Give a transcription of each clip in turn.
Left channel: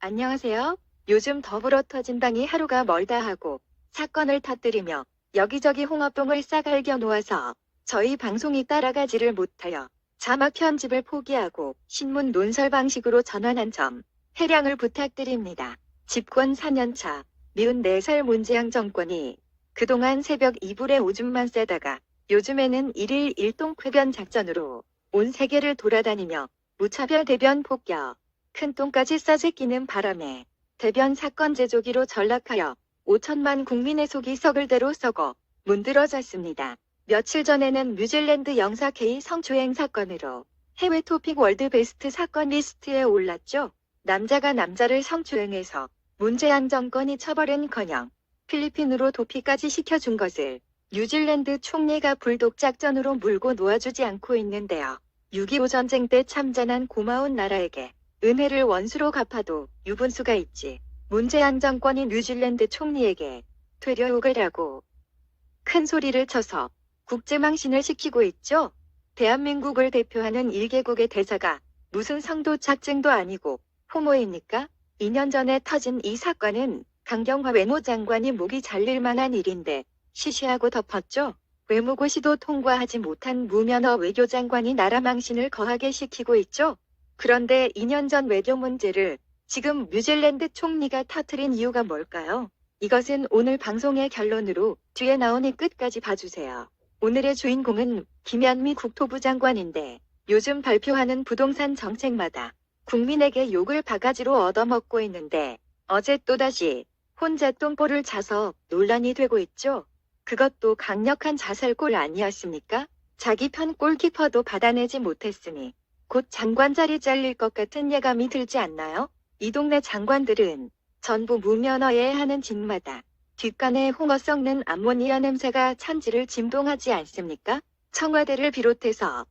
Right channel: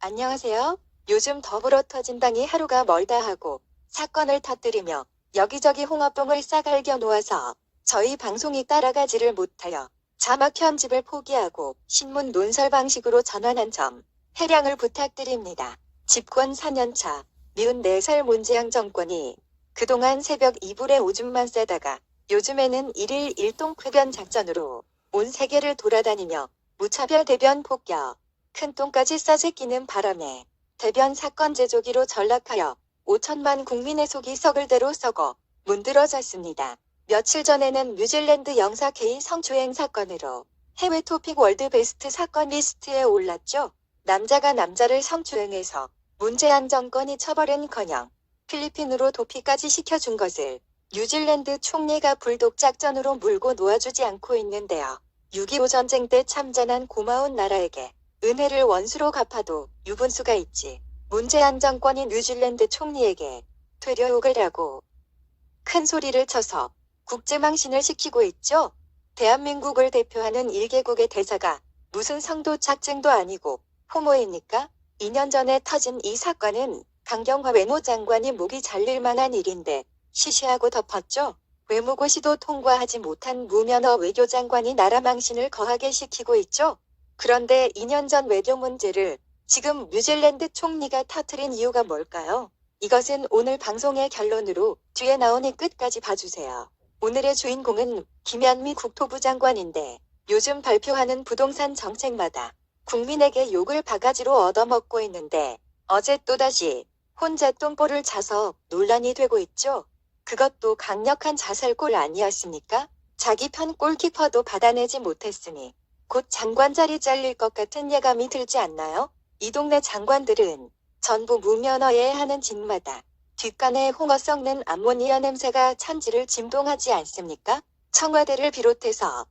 안녕하세요. 요즘 더불어터진당이 하루가 멀다 하고 사건을 터뜨리며 여기저기 홍어뽕을 싸갈겨 놓아서 저희 방송이 따라가지를 못하여 자막 편집을 포기하고 신문 논설 방식으로 전환한 점 해량을 부탁드립니다. 집권 4년차 미운 4살 문재양 정권이 그동안 새벽 이불에 오줌만 싸다가 요즘에는 1일 1동 쾌변 작전으로 온 세계를 돌아다니며 무차별 대변 폭격, 큰 똥까지 싸제끼는 바람에 대변 사건 제조기로 전락하여 5천만 국민의 속이 썩을 대로 썩어 문드러졌습니다. 며칠 전에는 뉴질랜드 영사 K 성추행 사건으로 해외 토픽 월드 베스트 사건 리스트에 올랐죠. 남자가 남자를 성추행해서 문재양 정권이 처벌은커녕 필리핀으로 도피까지 시켜준 것을 뉴질랜드 총리가 불독 작전으로 물고 놓아주지 않고 있는데요. 6.25 전쟁 때 참전한 고마운 나라에게 은혜를 원수로 갚아도 유분수가 있지. 문재양 정권이 뉴질랜드 총리에게 되려욕을 하고 큰 소리를 쳐서 국제망신을 시키고 있죠. 대한민국을 대표하는 1개국의 대사가 무슨 성도 작증도 아니고 호모입니까? 2년 전에 터진 이 사건은 강경화 외무장관이 목이 잘릴 만한 일인데 시시하고 덮었죠. 외무고시도 통과하지 못한 무면허 외교장관이 나라 망신을 거하게 시키고 있죠. 그런데 2년 전 외교 문제를 지금 뉴질랜드 총리가 터뜨린 이유가 뭘까요? 이것은 오늘 방송의 결론으로 뒤에 나오니 끝까지 봐주세요. 오늘의 주인공은 김현미 국토부 장관인데 요즘 발표하는 부동산 정책마다 국민에게 욕을 바가지로 얻어먹고 있는데 어제 또다시 혼자 똥볼을 차서 논란이 되고 있죠. 그것도 강력한 자살골 아니었습니까? 자기 편 골키퍼도 받아내지 못했으니 곧 장관 자리 잘릴 것 같은 예감이 들지 않나요? 이 동네 장관들은 전부 무면허에 하는 짓마다 뒷간에 홍어 썩는 암모니아 냄새가 천지를 진동하지 않습니까? 청와대를 비롯해서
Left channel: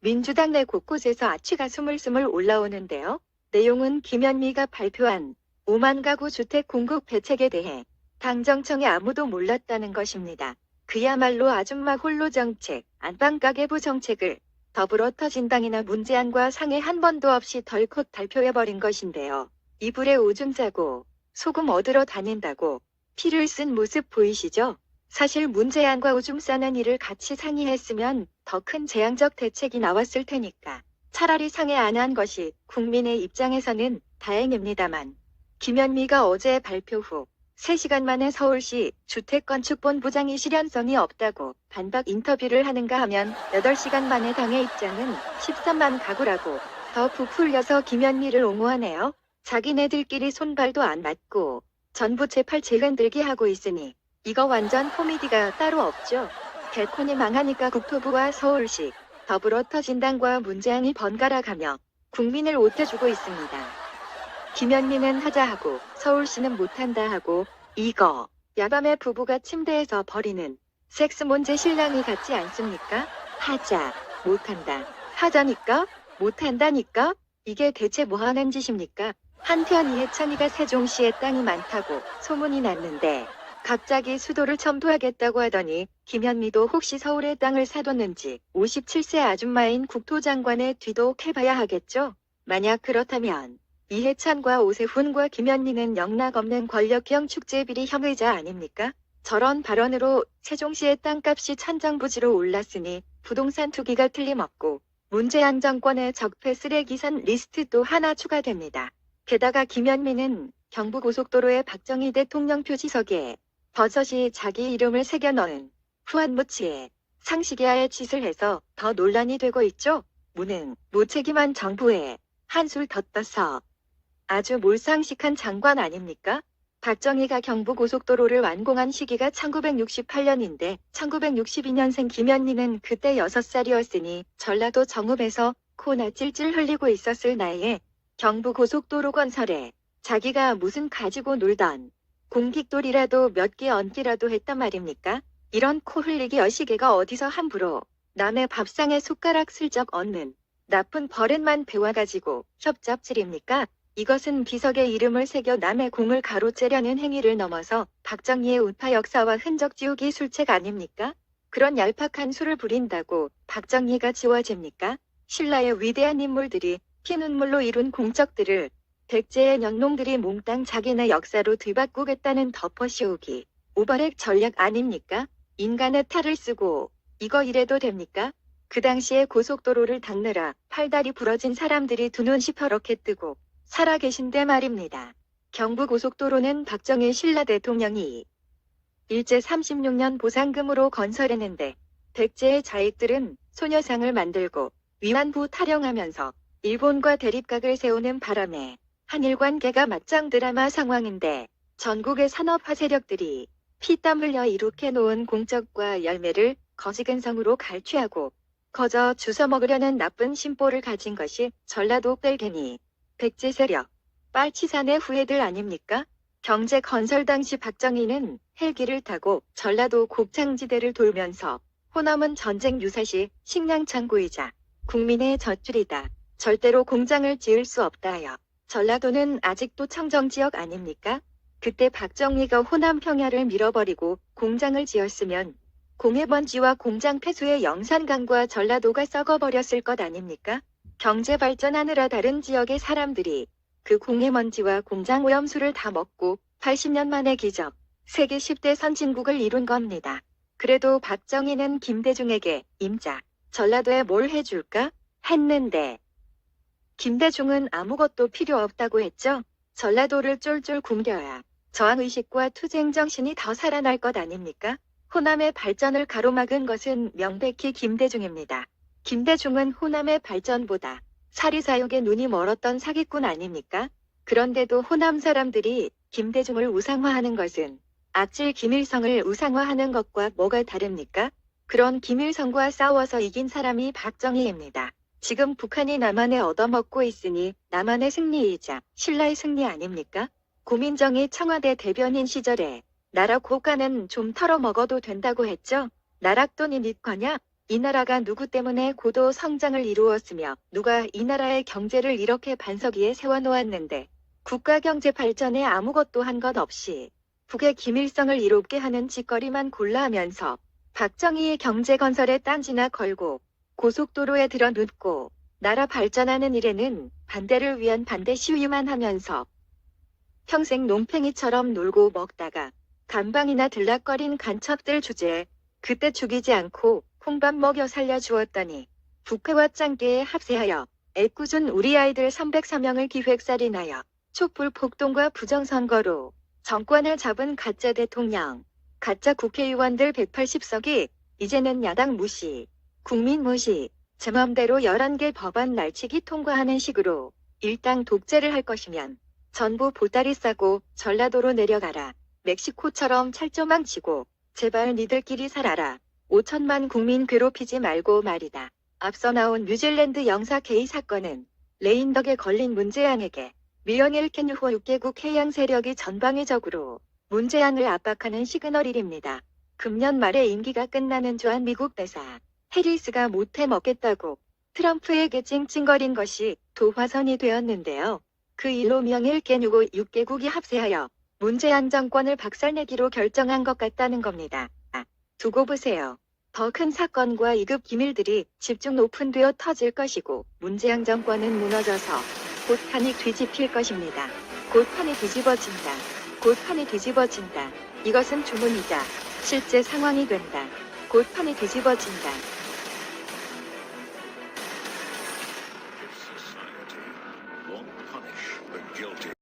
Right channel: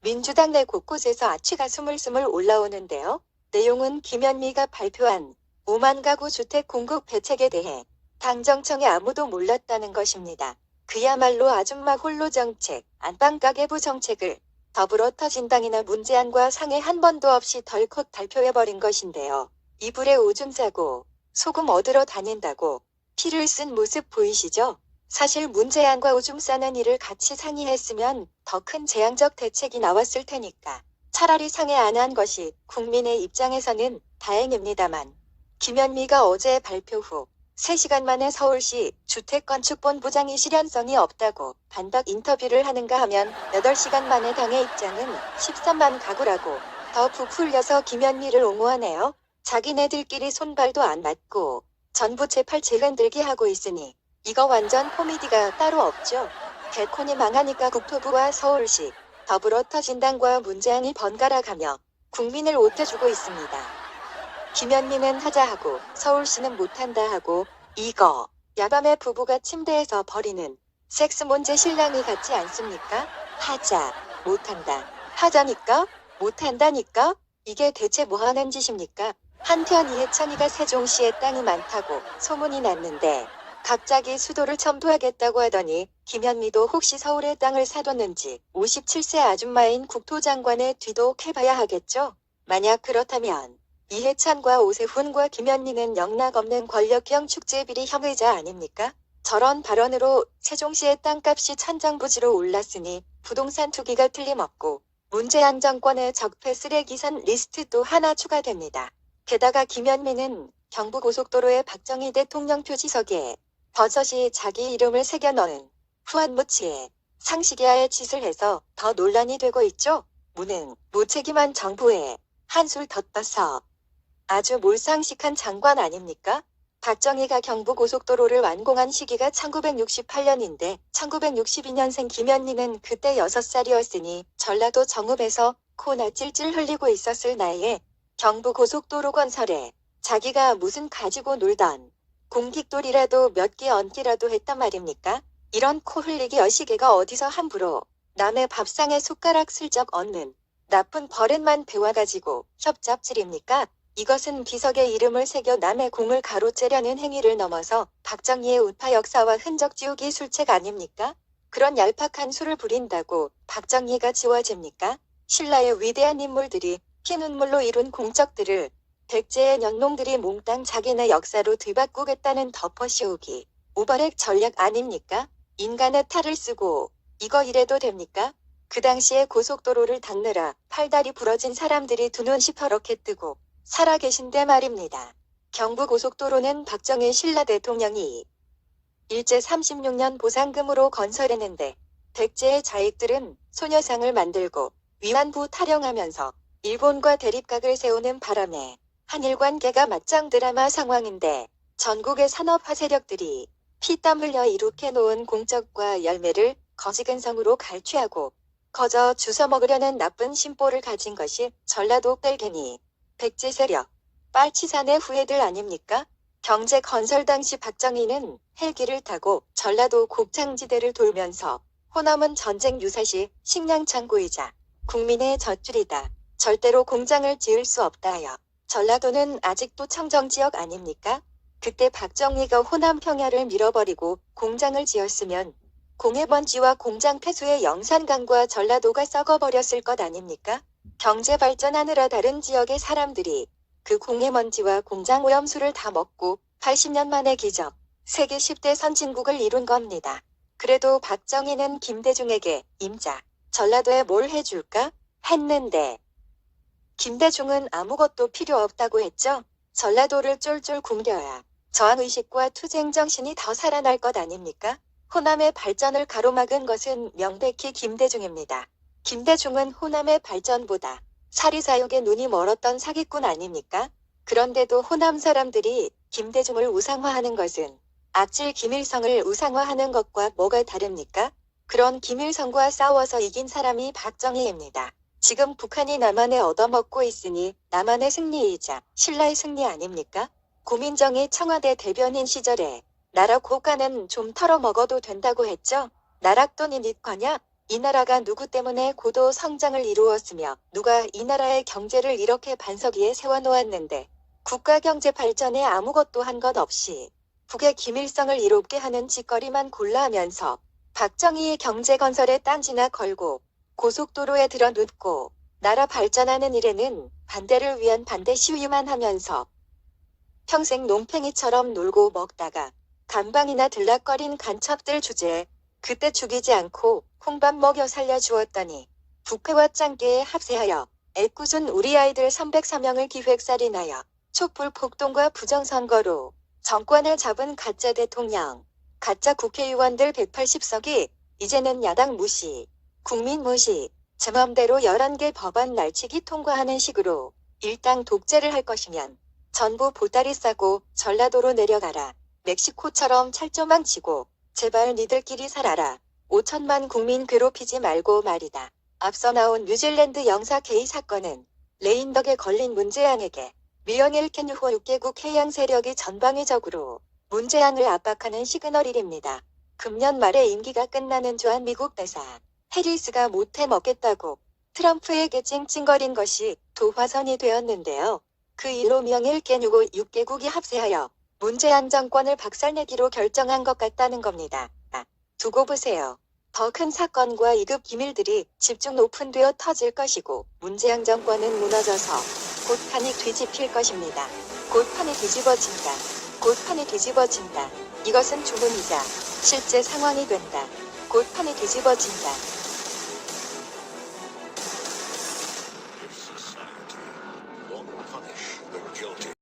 민주당 내 곳곳에서 아취가 스물스물 올라오는데요. 내용은 김현미가 발표한 5만 가구 주택 공급 대책에 대해 당정청에 아무도 몰랐다는 것입니다. 그야말로 아줌마 홀로 정책, 안방가계부 정책을 더불어터진당이나 문재양과 상의 한 번도 없이 덜컥 발표해버린 것인데요. 이불에 오줌 싸고 소금 얻으러 다닌다고 피를 쓴 모습 보이시죠? 사실 문재양과 오줌 싸는 일을 같이 상의했으면 더 큰 재앙적 대책이 나왔을 테니까 차라리 상의 안 한 것이 국민의 입장에서는 다행입니다만 김현미가 어제 발표 후 3시간 만에 서울시 주택건축본부장이 실현성이 없다고 반박 인터뷰를 하는가 하면 8시간 만에 당의 입장은 13만 가구라고 더 부풀려서 김현미를 옹호하네요. 자기네들끼리 손발도 안 맞고 전부 제팔 재흔들기 하고 있으니 이거 완전 코미디가 따로 없죠. 개콘이 망하니까 국토부와 서울시, 더불어터진당과 문재양이 번갈아가며 국민을 옷대주고 있습니다. 김현미는 하자 하고 서울시는 못한다 하고 이거 야밤에 부부가 침대에서 벌이는 섹스 문제 실랑이 같지 않습니까? 하자, 못한다, 하자니까, 못한다니까? 이게 대체 뭐하는 짓입니까? 한편 이해찬이가 세종시에 땅이 많다고 소문이 났는데 갑자기 수도를 첨부하겠다고 하더니 김현미도 혹시 서울에 땅을 사뒀는지 57세 아줌마인 국토장관의 뒤도 캐봐야 하겠죠? 만약 그렇다면 이해찬과 오세훈과 김현미는 영락없는 권력형 축제비리 혐의자 아닙니까? 저런 발언으로 세종시의 땅값이 천정부지로 올랐으니 부동산 투기가 틀림없고 문재양 정권의 적폐 쓰레기산 리스트도 하나 추가됩니다. 게다가 김현미는 경부고속도로의 박정희 대통령 표지석에 버젓이 자기 이름을 새겨넣은 후한무치에 상식이하의 짓을 해서 더 논란이 되고 있죠. 무능, 무책임한 정부에 한술 더 떠서 아주 몰상식한 장관 아닙니까? 박정희가 경부고속도로를 완공한 시기가 1968년인데 1962년생 김현미는 그때 6살이었으니 전라도 정읍에서 코나 찔찔 흘리고 있었을 나이에 경부고속도로 건설에 자기가 무슨 가지고 놀던 공깃돌이라도 몇 개 얹기라도 했단 말입니까? 이런 코 흘리기 어시개가 어디서 함부로 남의 밥상에 숟가락 슬쩍 얹는 나쁜 버릇만 배워가지고 협잡질입니까? 이것은 비석에 이름을 새겨 남의 공을 가로채려는 행위를 넘어서 박정희의 우파 역사와 흔적 지우기 술책 아닙니까? 그런 얄팍한 수를 부린다고 박정희가 지워집니까? 신라의 위대한 인물들이 피눈물로 이룬 공적들을 백제의 연농들이 몽땅 자기네 역사로 뒤바꾸겠다는 덮어씌우기. 오버렉 전략 아닙니까? 인간의 탈을 쓰고 이거 이래도 됩니까? 그 당시에 고속도로를 닦느라 팔다리 부러진 사람들이 두 눈 시퍼렇게 뜨고 살아계신데 말입니다. 경부고속도로는 박정희 신라 대통령이 일제 36년 보상금으로 건설했는데 백제의 자익들은 소녀상을 만들고 위안부 타령하면서 일본과 대립각을 세우는 바람에 한일 관계가 맞짱 드라마 상황인데 전국의 산업화 세력들이 피땀 흘려 이룩해 놓은 공적과 열매를 거지근성으로 갈취하고 거저 주워 먹으려는 나쁜 심보를 가진 것이 전라도 뺄개니 백제 세력 빨치산의 후예들 아닙니까? 경제 건설 당시 박정희는 헬기를 타고 전라도 곡창지대를 돌면서 호남은 전쟁 유사시 식량 창고이자 국민의 젖줄이다. 절대로 공장을 지을 수 없다 하여 전라도는 아직도 청정지역 아닙니까? 그때 박정희가 호남 평야를 밀어버리고 공장을 지었으면 공해번지와 공장 폐수의 영산강과 전라도가 썩어버렸을 것 아닙니까? 경제 발전하느라 다른 지역의 사람들이 그 공해먼지와 공장 오염수를 다 먹고 80년 만에 기적, 세계 10대 선진국을 이룬 겁니다. 그래도 박정희는 김대중에게 임자, 전라도에 뭘 해줄까? 했는데 김대중은 아무것도 필요 없다고 했죠. 전라도를 쫄쫄 굶겨야 저항의식과 투쟁정신이 더 살아날 것 아닙니까? 호남의 발전을 가로막은 것은 명백히 김대중입니다. 김대중은 호남의 발전보다 사리사욕에 눈이 멀었던 사기꾼 아닙니까? 그런데도 호남 사람들이 김대중을 우상화하는 것은 악질 김일성을 우상화하는 것과 뭐가 다릅니까? 그런 김일성과 싸워서 이긴 사람이 박정희입니다. 지금 북한이 남한에 얻어먹고 있으니 남한의 승리이자 신라의 승리 아닙니까? 고민정이 청와대 대변인 시절에 나라 고가는 좀 털어먹어도 된다고 했죠? 나락돈이 니 거냐? 이 나라가 누구 때문에 고도 성장을 이루었으며 누가 이 나라의 경제를 이렇게 반석 위에 세워놓았는데 국가 경제 발전에 아무것도 한 것 없이 북의 김일성을 이롭게 하는 짓거리만 골라 하면서 박정희의 경제 건설에 딴지나 걸고 고속도로에 들어눕고 나라 발전하는 일에는 반대를 위한 반대 시위만 하면서 평생 논팽이처럼 놀고 먹다가 감방이나 들락거린 간첩들 주제에 그때 죽이지 않고 콩밥 먹여 살려주었더니 북회와 짱깨에 합세하여 애꿎은 우리 아이들 304명을 기획살인하여 촛불 폭동과 부정선거로 정권을 잡은 가짜 대통령, 가짜 국회의원들 180석이 이제는 야당 무시, 국민 무시, 제 맘대로 11개 법안 날치기 통과하는 식으로 일당 독재를 할 것이면 전부 보따리 싸고 전라도로 내려가라. 멕시코처럼 찰조망 치고 제발 니들끼리 살아라. 5천만 국민 괴롭히지 말고 말이다. 앞서 나온 뉴질랜드 영사 게이 사건은 레인덕에 걸린 문재양에게 미영일 캔유호 6개국 해양 세력이 전방위적으로 문재양을 압박하는 시그널일입니다. 금년 말에 임기가 끝나는 주한 미국 대사 해리스가 못해 먹겠다고 트럼프에게 찡찡거린 것이 도화선이 되었는데요. 그 일로 미영일 캔유호 6개국이 합세하여 문재양 정권을 박살내기로 결정한 것 같다는 겁니다. 두고 보세요. 더 큰 사건과 2급 기밀들이 집중 오픈되어 터질 것이고 문재양 정권은 무너져서 곧 판이 뒤집힐 것입니다. 곧 판이 뒤집어진다. 곧 판이 뒤집어진다. 이것은 주문이자 실제 상황이 된다. 곧 판이 뒤집어진다. If society won't punish the guilty.